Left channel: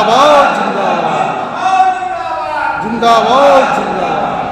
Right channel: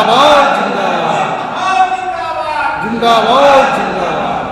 जिंदाबाद जिंदाबाद जिंदाबाद जिंदाबाद।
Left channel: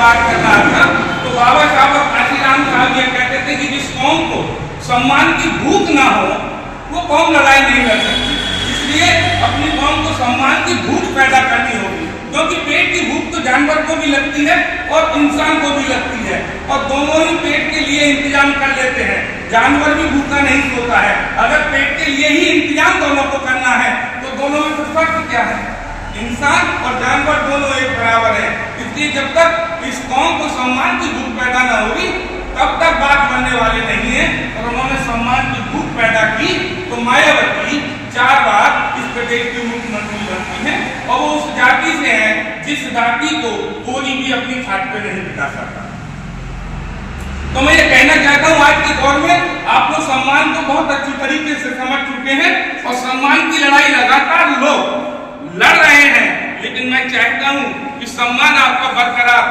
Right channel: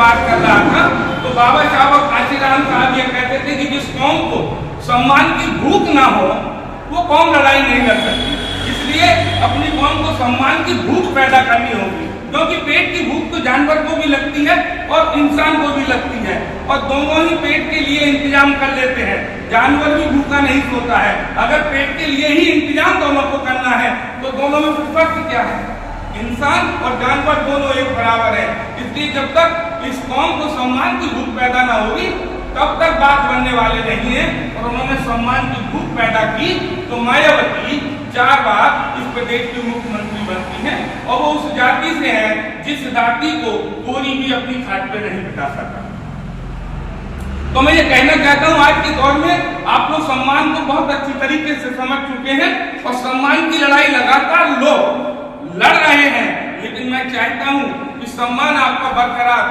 बात कर रहा था तो बाबा साहब काशीराम साहब ये कहते थे कि जिस कौम को सम्मान की भूख ना हो वो कौम लड़ाई नहीं लड़ सकती। इसलिए अपनी कौम को सम्मान की भूख पैदा करनी होगी, क्योंकि पेट की भूख तो जानवर को भी लगती है और इंसान को भी लगती है, और दोनों ही पेट के लिए इंतजाम कर लेते हैं। जानवर भी भूखा नहीं सोता है। अगर पेट के लिए ही इंतजाम दोनों को करना है तो दोनों में फर्क क्या है? इंसान और जानवर दोनों एक बराबर है। इसलिए जब तक इस कौम को सम्मान की भूख पैदा न होगी तब तक बात बनने वाले नहीं है। और उन्होंने सम्मान की भूख पैदा की तो मायावती 4 बार इस प्रदेश की मुख्यमंत्री बनती है, और वो उस जाति से है जिस जाति को कोई भी अपनी खाट पे नहीं बिठा सकता। तो मैं ये कहना चाहता हूँ, आज के दौर में आप लोग सम्मान को बहुत अच्छी तरीके से समझ चुके हैं और सम्मान की लड़ाई लगातार लोग लड़ रहे हैं, लेकिन मैं चाहता हूं कि सम्मान आपका बरकरार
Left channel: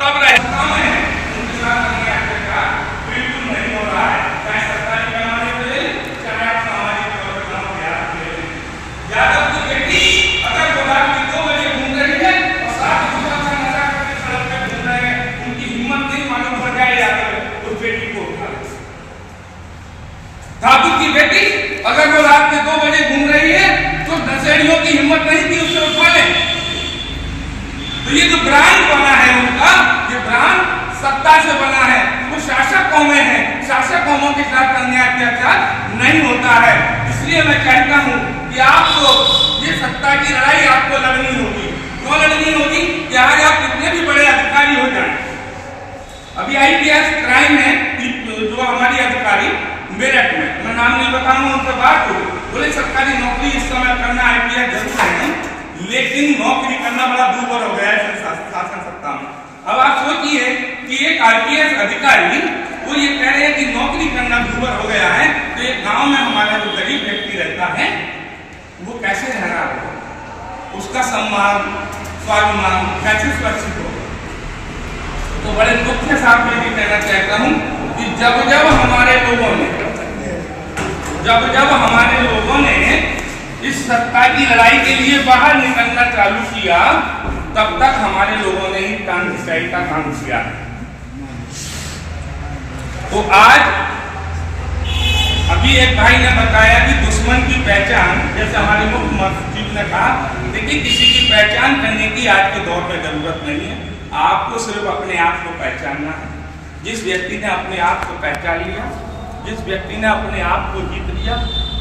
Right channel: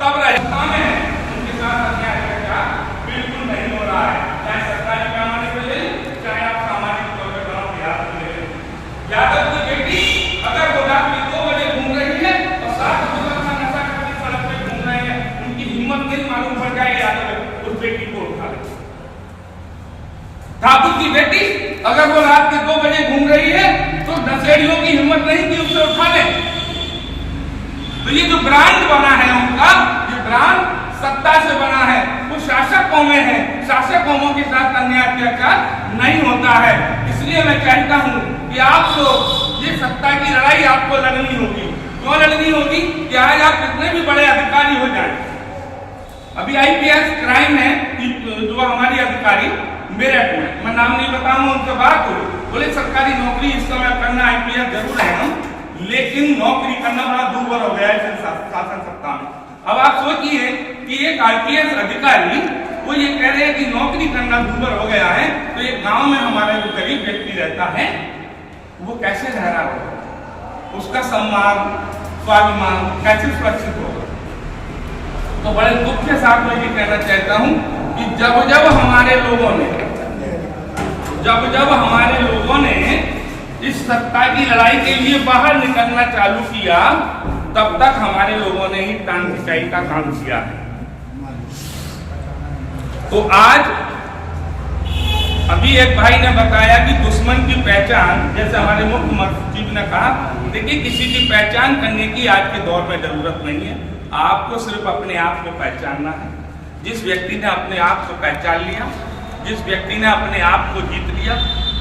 तब रहता है उनके साथ अन्याय अत्याचार बिल्कुल नहीं हो रहा है, चाहे सरकारी पैमाने पर ले चाहे आप सामाजिक तौर पर गांव देहात में ले। यादव की बेटी अगर वो रात में 2 बजे घूम रही है और 7 लोगों का नशा करके सड़क पे घूम रहे हैं, उनकी हिम्मत नहीं मालूम पड़ जाए यादव उस बेटी को उठा ले। ठाकुर की बेटी अगर वो रात के 2 बजे घूम रही है तो दशहरियों की हिम्मत नहीं थी उससे उठा ले। तो ये जो ब्रांड बना है उनका, ये ब्रांड सत्ता से बना है। वो शासक कौमें हैं, शासक कौमों के साथ अन्याय अत्याचार नहीं होता है। इसलिए मैं कहता हूँ कि आपको ये सत्ता की लड़ाई आपको लड़नी होगी। क्यों लड़नी होगी? कि आज आप कितने भी बड़े अधिकारी हो जाए, अभी IPS क्राइम है जो हमारी अधिकारी मेरठ में, मैं नाम नहीं बताऊंगा, उनसे बात हुई, बोले सरकारी नौकरी इस समय करना IPS जरूर है, लेकिन नौकरी करना बड़ा दूभर हो गया है शासन सत्ता में। अब आप सोचिए कि एक IPS अधिकारी वो ये कह रहे हैं कि नौकरी करना दूभर हो गया है, तो एक गांव में हमारे जो गरीब व्यक्ति रहता है वो कैसे रह रहा होगा, उसका सम्मान स्वाभिमान कैसे सुरक्षित होगा। तो बड़े दुख के साथ मैं भी कहना चाहता हूँ कि जब जब हमारे लोगों ने इस सत्ता की लड़ाई के लिए बाहर निकलना चालू किया, तब तक हमारे लोगों ने ही टांग खिंचाई का काम किया। तो आज अभी एक भाई ने बताया कि दुश्मन की पहचान, जैसे हमारे मुख्यमंत्री ने कहा, देखिए किसी की पहचान करने की आज के दौर में जरूरत नहीं है। आपको सिर्फ अपने आप को पहचानना है। जिस व्यक्ति ने अपने आप को पहचान लिया, जिस व्यक्ति ने अपने आप को जीत लिया,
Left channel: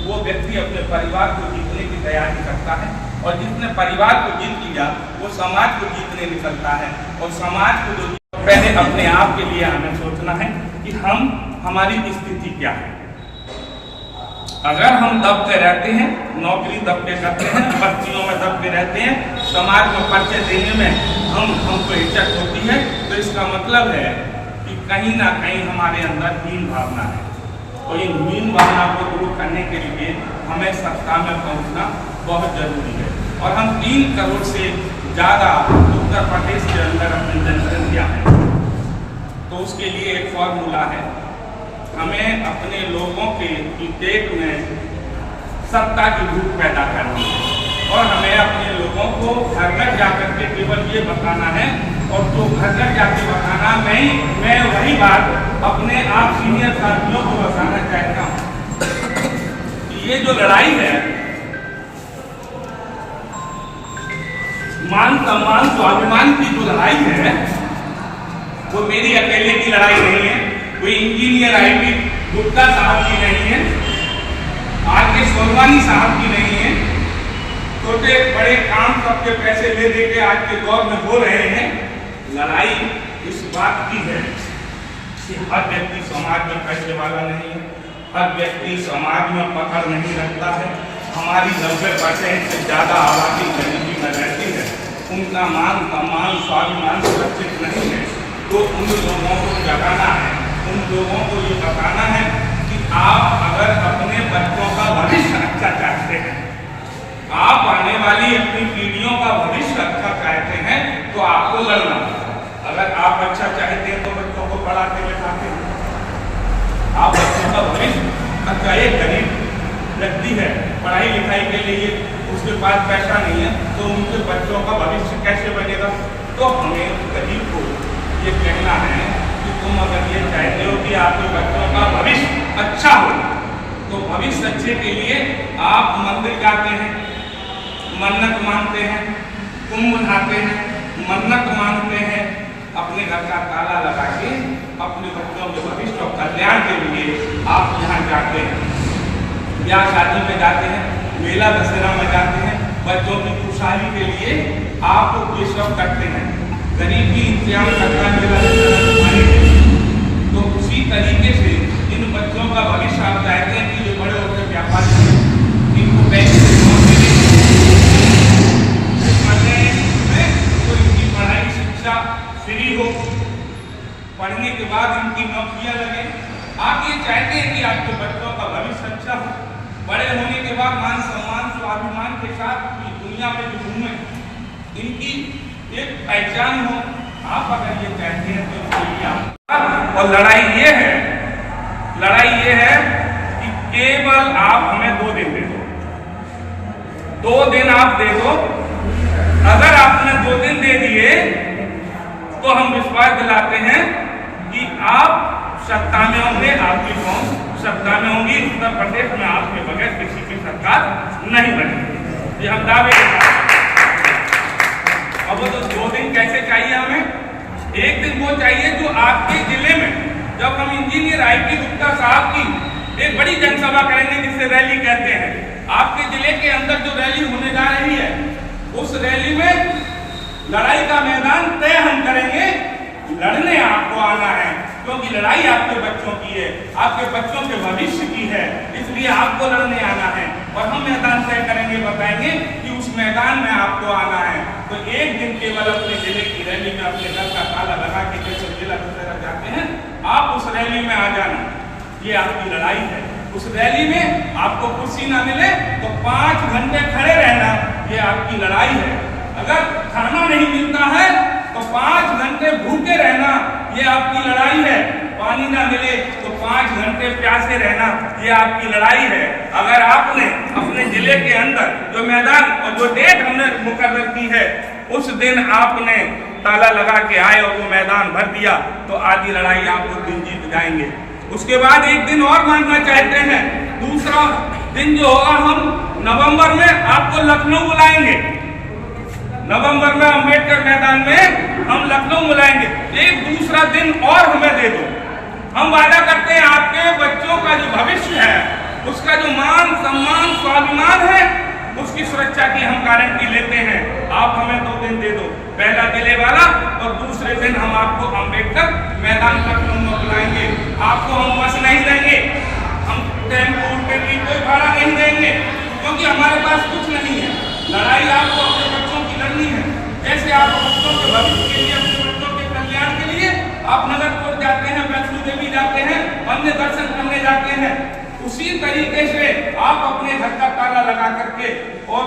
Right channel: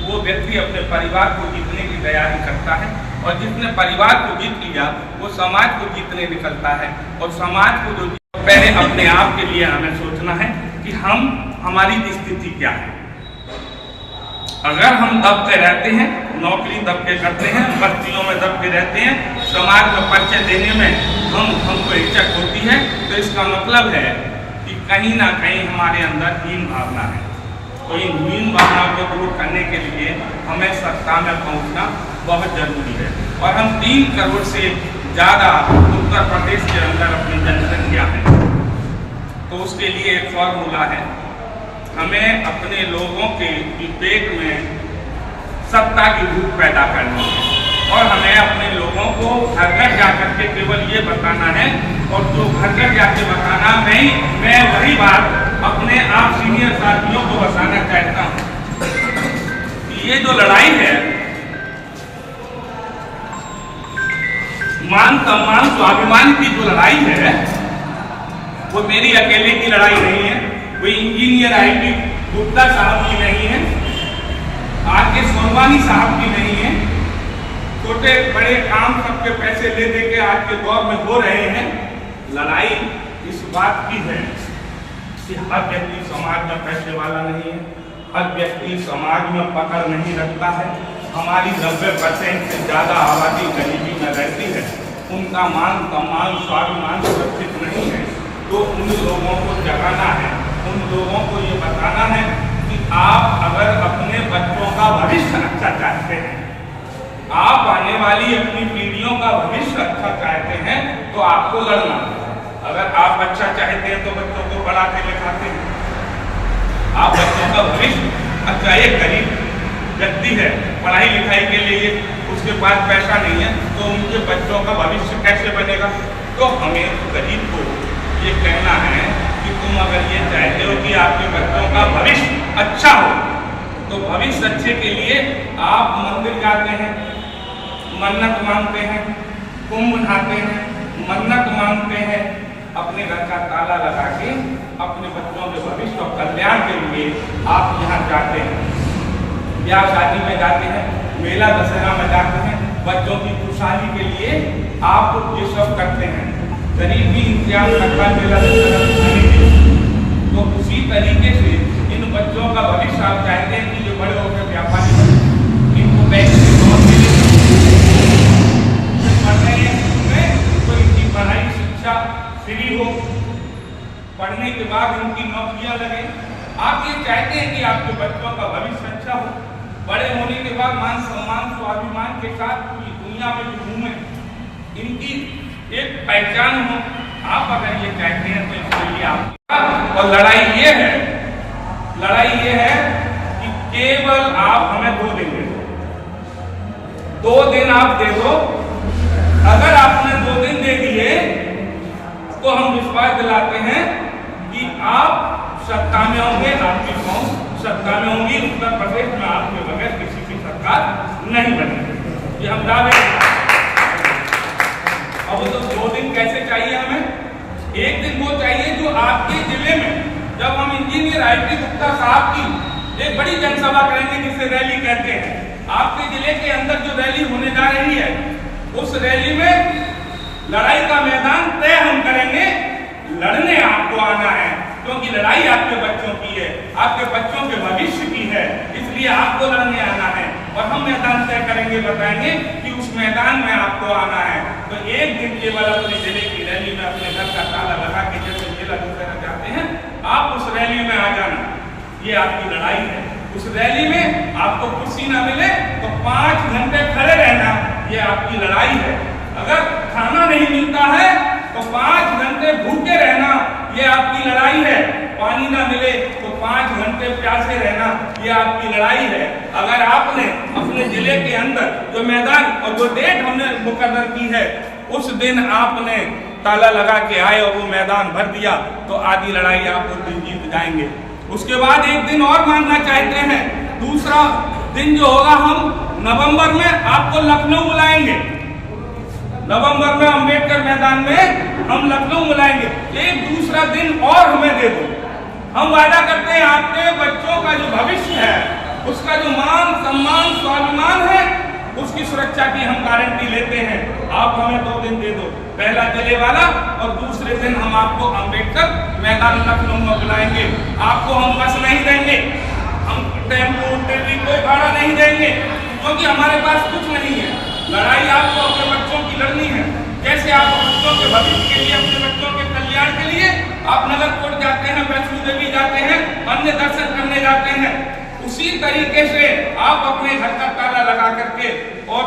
वो व्यक्ति अपने परिवार को जीतने की तैयारी करता है, और जिसने परिवार को जीत लिया वो समाज को जीतने निकलता है। और समाज को जो पहले अपने आप के लिए हमें सोचना है कि हमारी स्थिति क्या है। अगर हम दबके रहते हैं, नौकरी दबके करते हैं, बस्तियों में दबके रहते हैं, समाज में परिचय देने में हमको हिचक होती है, तो इसका मतलब है कि कहीं ना कहीं हमारे अंदर हीन भावना है। तो इन हीन भावना को दूर करने के लिए हमें सत्ता में पहुंचना बहुत जरूरी है। और हम 3 करोड़ से ज़्यादा उत्तर प्रदेश के अंदर अपनी जनसंख्या है, तो उसके लिए एक फॉर्मूला है, हमें अपने लोगों के पेट में सत्ता की भूख पैदा करनी है, और हमें अपने लोगों को घर घर जाकर के केवल ये बताना है, और जो घर घर जाके बताना नहीं, मैं वही बात अपने आप सीनियर साथियों को बताना चाहता हूँ कि ये जो लड़ाई है मान सम्मान स्वाभिमान की जो लड़ाई है वो मेरी अकेले की लड़ाई नहीं है, कोई इंजीनियर IB गुप्ता साहब की नहीं है, RK सोनवानी साहब की नहीं है। छोटे बड़े काम सबके पैसे ले दे के आज के दौर में हो रहे हैं। लड़ाई इस बात की है कि हर व्यक्ति समाज में पैसे वाला नहीं है, हर व्यक्ति समाज में पकड़ नहीं रखता है। हमारी 90% से ज़्यादा आबादी गरीबी में रहती है, उनका मान सम्मान स्वाभिमान सुरक्षित नहीं है। तो उन लोगों को जगाना है, उन लोगों को ये बताना है कि आप अगर अपने बच्चों का भविष्य अच्छा चाहते हैं, आप आने वाली अपनी पीढ़ियों का भविष्य अच्छा चाहते हैं, तो आपको लड़ना होगा। अगर आप अच्छा चाहते हैं तो बच्चों को पढ़ाते लिखाते हैं, आप बच्चे का भविष्य अच्छा, एक गरीब व्यक्ति है, पढ़ाई लिखाई के लिए उसके पास पैसा नहीं है, तो उनके बच्चों का भविष्य कैसे बनेगा? तो हमें गरीब को ये कहना है कि तुम अगर ये चाहते हो कि आपके बच्चों का भविष्य अच्छा हो, तो भविष्य अच्छे के लिए आप मंदिर जाते हैं, मन्नत मांगते हैं, कुंभ नहाते हैं, मन्नत मांगते हैं, अपने घर का ताला लगा के अपने बच्चों के भविष्य और कल्याण के लिए आप यहाँ जाते हैं, ब्याह शादी में जाते हैं, मेला दशहरा में जाते हैं, बच्चों की खुशहाली के लिए आप ये सब करते हैं। गरीब भी इंतजाम करता मेला दशहरा खाने के लिए, तो उसी तरीके से इन बच्चों का भविष्य आप चाहते हैं कि जो बड़े होकर व्यापारी बने, इनको बैंक से लोन मिले, पढ़ने में तो इनकी पढ़ाई शिक्षा फ्री हो, पढ़ने के बाद इनकी नौकरियां लगे। आप ये चाहते हैं कि आपके बच्चों का भविष्य अच्छा हो, बड़े होने के बाद मान सम्मान स्वाभिमान के साथ पूरी दुनिया में जो घूमे, इनकी एक पहचान हो। आप अगर ये चाहते हैं तो इसके लिए आप, और लड़ाई ये है कि केवल आप हमें 2 दिन दे दो, 2 दिन आप दे दो। अगर आपने 2 दिन दे दिए तो हम विश्वास दिलाते हैं कि आप सत्ता में होंगे, आपकी पहुंच सत्ता में होंगी। उत्तर प्रदेश में आपके बगैर किसी की सरकार नहीं बनेगी, ये हम दावे के साथ। अब वो तो 2 दिन कैसे चाहिए हमें? 1 दिन वो चाहिए जो आपके जिले में, जब हम इंजीनियर IT गुप्ता साहब की एक बड़ी जनसभा करेंगे जिसे रैली कहते हैं, आपके जिले के अंदर जो रैली होने जा रही है, उस रैली में लड़ाई का मैदान तय हम करेंगे। लड़ने आपको आना है, क्योंकि लड़ाई आपके बच्चों की है, आपके बच्चों के भविष्य की है, इसलिए आपको लड़ने आना है। और हम मैदान तय करेंगे, बताएंगे कि उस मैदान में आपको आना है। तो 1 दिन केवल अपने जिले की रैली में अपने घर का ताला लगा के जैसे जिला दूसरा जाते हैं, आप उस रैली में आ जाना, ये आपकी लड़ाई है। उस रैली में आपको कुर्सी ना मिले तो 5 घंटे खड़े रहना, ये आपकी लड़ाई है। अगर खाना नहीं मिलता है तो 5 घंटे भूखे रहना, ये आपकी लड़ाई है। पानी ना मिले तो 5 घंटे प्यासे रहना, ये आपकी लड़ाई है। अगर आपने अपने जिले के अंदर जो मैदान और जो डेट हमने मुकर्रर की है, उस दिन आपने ताला लगा के आए और वो मैदान भर दिया, तो आधी लड़ाई आप उस दिन जीत जाएंगे। उसके बाद 1 दिन और मांगना चाहते हैं, दूसरा दिन जो होगा, हम नवंबर में आपको लखनऊ बुलाएंगे। नवंबर में अंबेडकर मैदान में हम लखनऊ बुलाएंगे। एक दूसरा दिन और हमें दे दो, हम वादा करते हैं आपके बच्चों का जो भविष्य है, उसका जो मान सम्मान स्वाभिमान है, उसकी सुरक्षा की हम गारंटी लेते हैं। आप हमें 2 दिन दे दो, पहला जिले वाला, और दूसरे दिन हम आपको अंबेडकर मैदान लखनऊ में बुलाएंगे। आपको हम बस नहीं देंगे, हम टेम्पो टेली कोई भाड़ा नहीं देंगे, क्योंकि हमारे पास कुछ नहीं है। लड़ाई आपको अपने बच्चों की लड़नी है। जैसे आप बच्चों के भविष्य के लिए, अपने बच्चों के कल्याण के लिए आप नगरकोट जाते हैं, वैष्णो देवी जाते हैं, अन्य दर्शन करने जाते हैं, उसी तरीके से आप अपने घर का ताला लगा करके और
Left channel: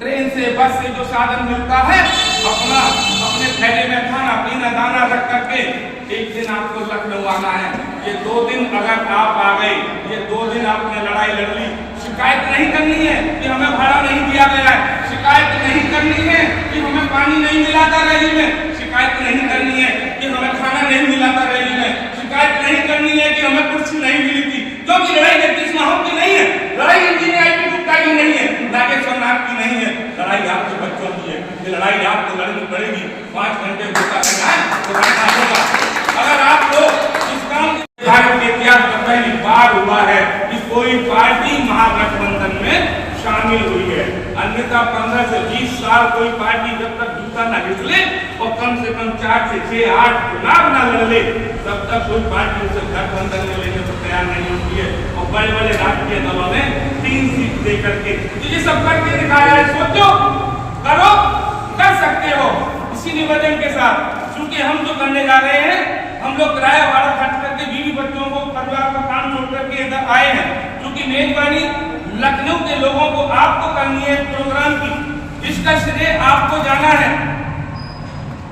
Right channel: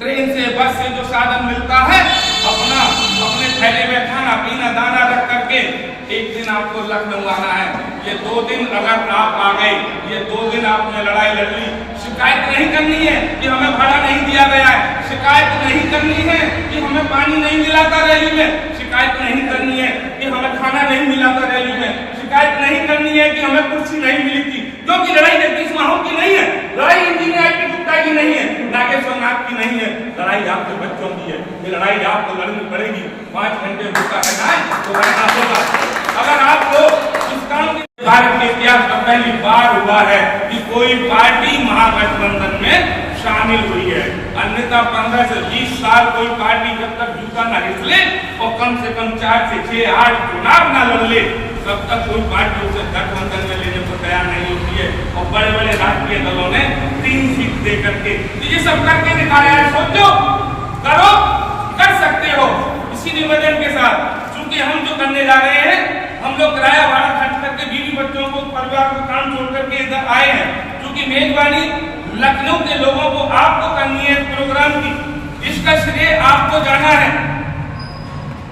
ट्रेन से बस से जो साधन मिलता है, अपने थैले में खाना पीना दाना रख करके 1 दिन आपको लखनऊ आना है। ये 2 दिन अगर आप आ गए, ये 2 दिन आपने लड़ाई लड़ ली। शिकायत नहीं करनी है कि हमें भाड़ा नहीं दिया गया है, शिकायत नहीं करनी है कि हमें पानी नहीं मिला था रैली में, शिकायत नहीं करनी है कि हमें खाना नहीं मिला था रैली में, शिकायत नहीं करनी है कि हमें कुर्सी नहीं मिली थी। क्योंकि लड़ाई जगदीश माहू की नहीं है, लड़ाई इंजीनियर IT गुप्ता की नहीं है, नागेश्वर नाथ की नहीं है, लड़ाई आपके बच्चों की है। ये लड़ाई आपको लड़नी पड़ेगी। 5 घंटे भूखा रहना है तो लड़ना होगा। अगर आप लोग इस काम भारत के इतिहास में पहली बार हुआ है कि कोई पार्टी महागठबंधन में शामिल हुई है। अन्यथा 15 से 20 साल कोई पार्टी जब तक जूता न घिसले और कम से कम 4 से 6 8 चुनाव न लड़ ले, तब तक कोई पार्टी उसे गठबंधन में लेने को तैयार नहीं होती है। और बड़े बड़े राजनीय दलों ने 3 सीट दे करके तो ये सब करके दिखाया है। सोचो, करो, कर सकते हो। इसी निवेदन के साथ, क्योंकि हम जो करने जा रहे हैं, हम लोग किराया भाड़ा खर्च करके बीवी बच्चों को, परिवार को काम छोड़ करके इधर आए हैं, क्योंकि मेजबानी लखनऊ के लोगों को आपको करनी है प्रोग्राम की। इसका श्रेय आपको जाना है,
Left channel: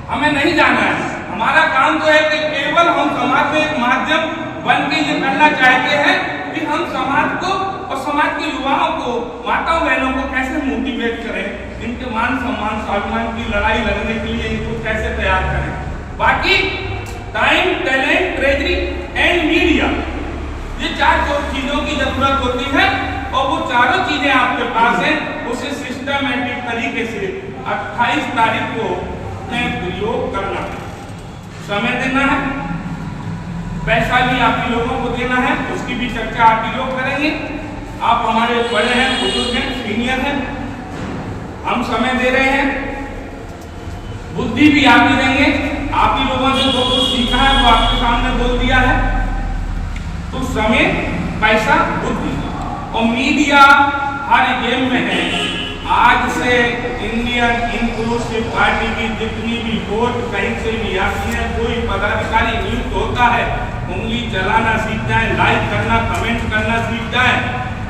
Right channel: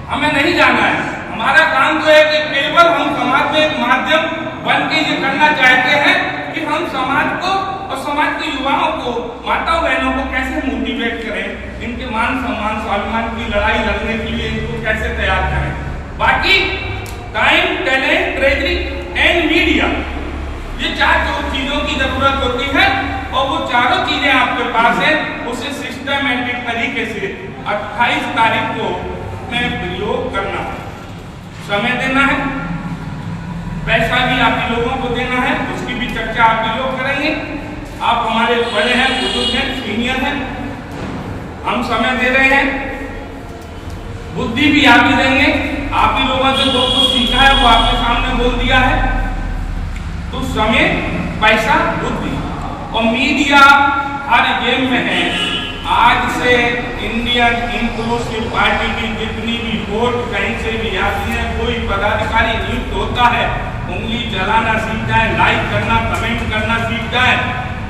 हमें नहीं जाना है। हमारा काम तो है कि केवल हम समाज में एक माध्यम बन के ये करना चाहते हैं कि हम समाज को और समाज के युवाओं को, माताओं बहनों को कैसे मोटिवेट करें, इनके मान सम्मान स्वाभिमान की लड़ाई लड़ने के लिए इनको कैसे तैयार करें। बाकी time, talent, treasury and media, ये 4 चीजों की जरूरत होती है और वो चारों चीजें आपके पास हैं। उसे सिस्टमैटिक तरीके से 28 तारीख को में प्रयोग करना है। समय देना है, पैसा भी आप ही लोगों को देना है, उसकी भी चर्चा आप ही लोग करेंगे। आप हमारे बड़े हैं, बुजुर्ग हैं, सीनियर हैं, हम समय दे रहे हैं, बुद्धि भी आप ही देंगे। आप ही लोगों से जो कुछ सीखा है वो आपके सामने बोल दिया है। तो समय, पैसा, बुद्धि और मीडिया हर गेम में है। आज से इंडियन इंक्लूसिव पार्टी की जितनी भी वोट कहीं से भी आती है, कोई पदाधिकारी नियुक्त होता है, उंगली चलाना सीख जाए, लाइक करना, कमेंट करना सीख जाए।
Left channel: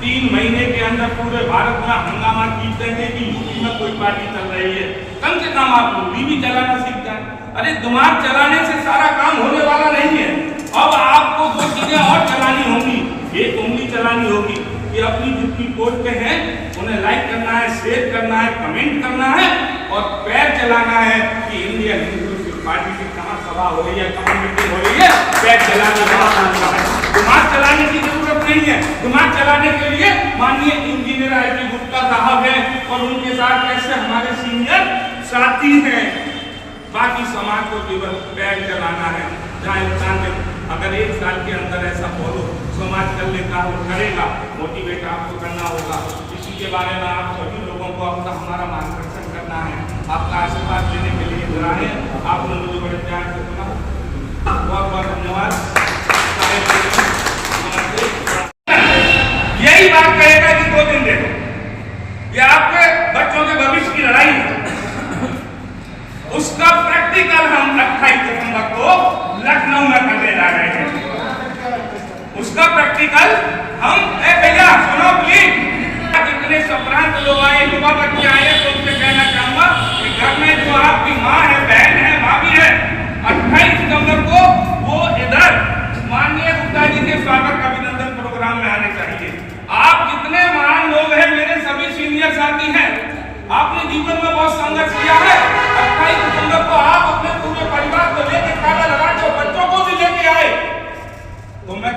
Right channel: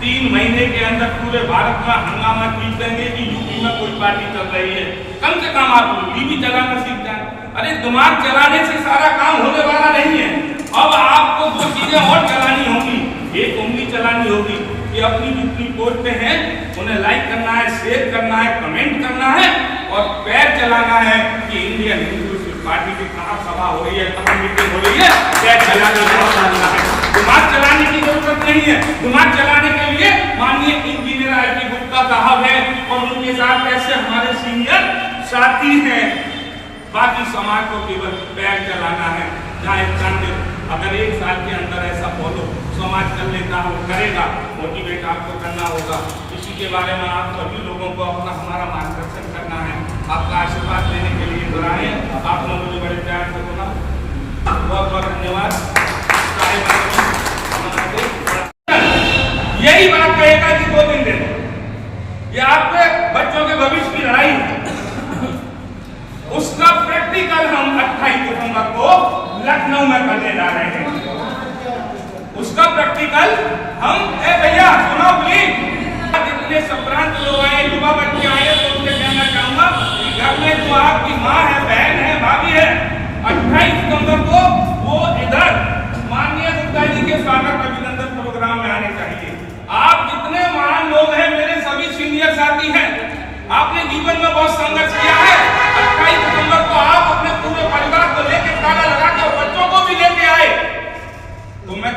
3 महीने के अंदर पूरे भारत में हंगामा जीत देंगे कि यूपी में कोई पार्टी चल रही है। कम से कम आप उंगली भी चलाना सीख जाए। अरे दिमाग चलाने से सारा काम होने वाला नहीं है। अब आपको 2 चीजें और चलानी होंगी। एक उंगली चलानी होगी कि अपनी जितनी पोस्टें हैं उन्हें लाइक करना है, शेयर करना है, कमेंट करना है, और पैर चलाना है कि इंडियन इंक्लूसिव पार्टी की कहाँ सभा हो रही है, कहाँ मीटिंग हो रही है, पैर चलाने का है। दिमाग चलाने की जरूरत नहीं है। दिमाग चलाने के लिए माननीय इंजीनियर आई गुप्ता साहब है और उनके साथ ऐसे हमारे सीनियर साथी हैं। बाकी समाज को केवल पैर चलाना है। जहाँ इंसान ने अगर 1 साल के अंदर ऐसा बोलो, समाज कर लेता हो, करेगा, मोटिवेट आपको करना होगा। इसी के बारे में आप सभी लोगों को अपना हमारा मार्गदर्शन करना है। आपका आशीर्वाद देने के लिए बुलाए। आपने मुझे बड़े प्यार से सुना, बहुत बहुत धन्यवाद। यही बात कहेगा कि 2 दिन दे दो, ये आपके बच्चों के भविष्य की लड़ाई है। उसका प्रैक्टिकल हम 28 दिसंबर को लखनऊ में करने जा रहे हैं। उसका प्रैक्टिकल हम, भैया सुनो प्लीज, जितने संप्रांत लोग आए, युवा बच्चे आए, तो उनसे कहना चाहूंगा कि घर में जो आपकी माँ है, बहन है, भाभी है, 28 सितंबर को वो इधर माननीय गुप्ता जी के स्वागत अभिनंदन प्रोग्राम में आने चाहिए। आप जितने महान लोग हैं, मेरे सभी सीनियर साथी हैं, आपने जीवन में बहुत संघर्ष किया है। 28 सितंबर को आप अपने पूरे परिवार को लेकर ताला लगा के बच्चों को भी लेके आए, तो मैं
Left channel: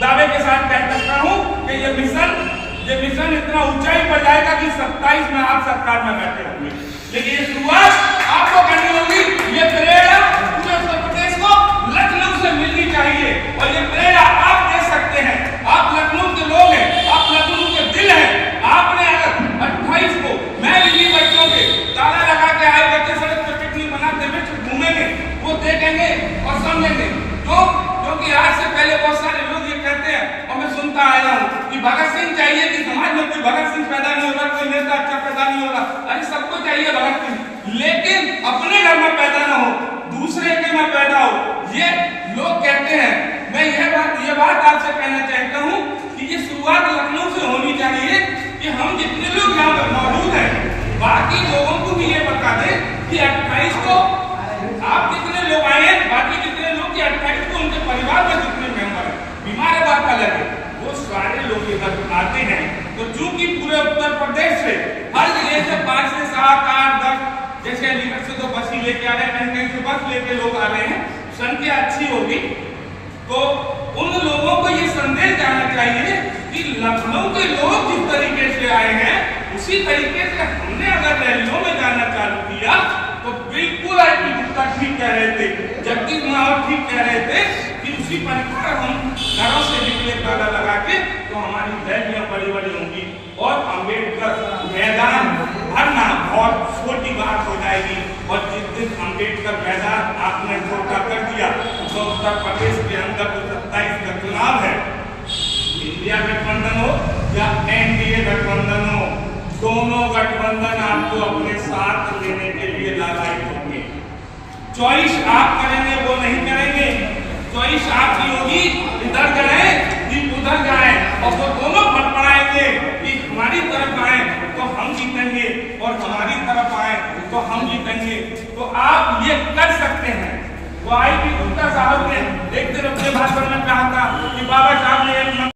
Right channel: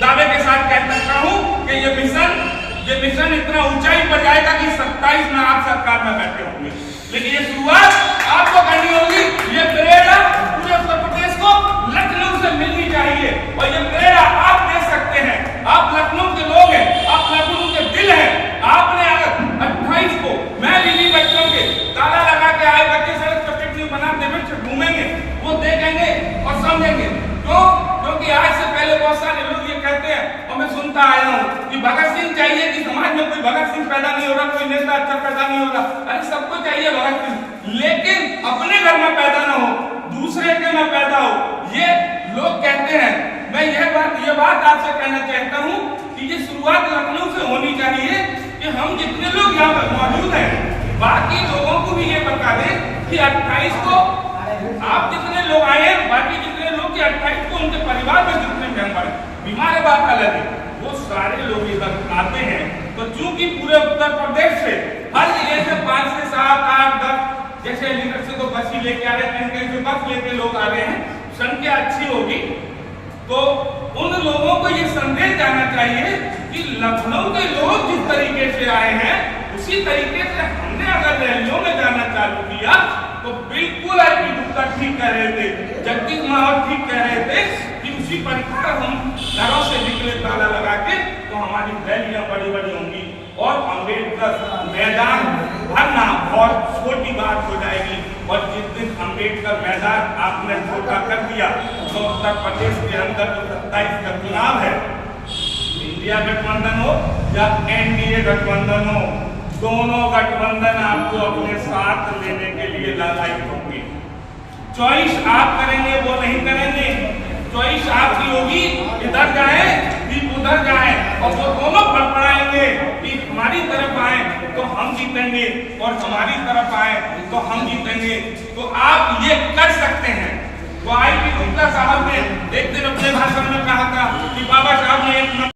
दावे के साथ कह सकता हूं कि ये मिशन इतना ऊंचाई पर जाएगा कि 27 में आप सरकार में बैठे होंगे। लेकिन ये शुरुआत आपको करनी होगी। ये प्रेरणा पूरे उत्तर प्रदेश को लखनऊ से मिलनी चाहिए और ये प्रेरणा आप दे सकते हैं। आप लखनऊ के लोग हैं, आप लखनऊ के दिल हैं। आपने अगर 28 को मैं भी बच्चों के ताला लगा के आए, बच्चे सड़क पर पिकनिक बनाते हुए घूमेंगे, वो देखेंगे और समझेंगे। क्योंकि आज से पहले बहुत सारे लोग ये कहते हैं और मैं सुनता आया हूँ कि भगत सिंह चाहिए, कि समाज में कोई भगत सिंह पैदा नहीं हो रहा, कोई नेता अच्छा पैदा नहीं हो रहा। अरे सबको चाहिए भगत सिंह, लेकिन अपने घर में पैदा ना हो, दूसरे के में पैदा हो, ये लोग कहते हैं। मैं ये बात आपसे कहना चाहता हूँ कि ये शुरुआत लखनऊ से होनी चाहिए कि हम जितने लोग यहाँ पर मौजूद हैं, बाकी लोगों को भी ये बता दें कि 28 को आप जितने लोग आए हैं, बाकी जितने लोग कि 28 को उनके परिवार में जितने मेंबर हैं, बीमार है बात अलग है, वो सारे लोग इधर आते हैं। तो चूंकि पूरे उत्तर प्रदेश से हर जगह से 5 से 7, 8, 10, जैसे अलीगढ़ से तो बस ही लेके आ रहे हैं, कहीं कहीं से बस लेके लोग आ रहे हैं, संख्या अच्छी होगी। तो उन लोगों को ये संदेश जाना चाहिए कि लखनऊ के लोग जिस तरीके से आए हैं, उसी तरीके से हमने अगर रैलियों में जाना चालू किया तो बिल्कुल आई गुप्ता ठीक कह रहे थे, जगदीश माहौल ठीक कह रहे थे कि फिर उसी प्रकार हम घरों से निकले ताला लगा के तो हमारी रैलियां बड़ी बड़ी होंगी और अम्बेडकर मैदान भरना बहुत छोटी बात हो जाएगी। और जिस दिन अम्बेडकर मैदान आपने छोटा कर दिया तो उत्तर प्रदेश के अंदर जो 27 का चुनाव है, इंडिया गठबंधन हो या एनडीए गठबंधन हो, दोनों गठबंधन आपको अपने साथ लेने के लिए लालायित होंगे। चॉइस आप करेंगे, वो नहीं करेंगे। चॉइस आपकी होगी इधर जाए कि उधर जाए, और वो दोनों फड़फड़ाएंगे कि हमारी तरफ आए तो हम जीतेंगे और हमारी तरफ आए तो हम जीतेंगे। तो आप ये कर सकते हैं। तो आई पी गुप्ता साहब ने एक दिन अपने भाषण में कहा था कि बाबा साहब ने एक